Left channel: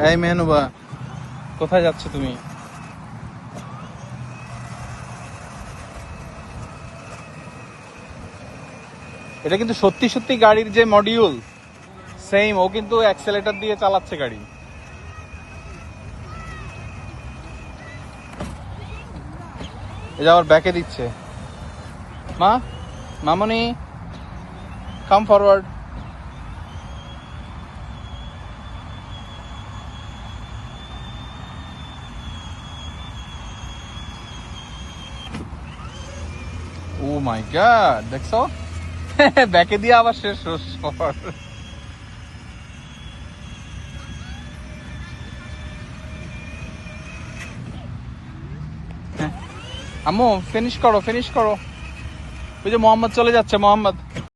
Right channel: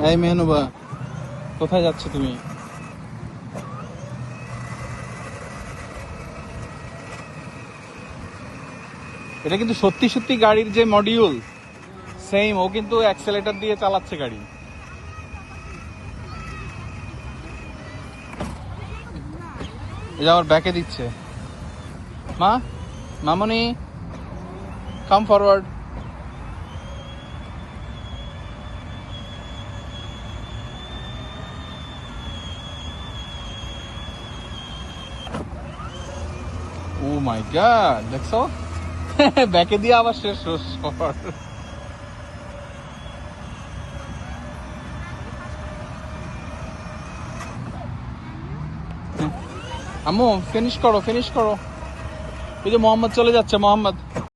এই মেহনুবা, কোথায় যাচ্ছ তুমি? এটা কিন্তু সত্যি সত্যি গাড়ির যে মডিউল সেম, ও কিন্তু অ্যাক্সেলেটর দিয়ে চালাচ্ছে গাড়ি। এটা আমার ব্যাকে দিচ্ছে। মা, মামুনি, কাম ফরওয়ার্ড। ও মাই গড, দেখছো ব্যাকে দিয়ে আবার শেষ সফর। আম্মু ফিনিশ করো, ফিনিশ করো। ওই যে মোহাম্মদ চলে যাচ্ছে, মোহাম্মদ।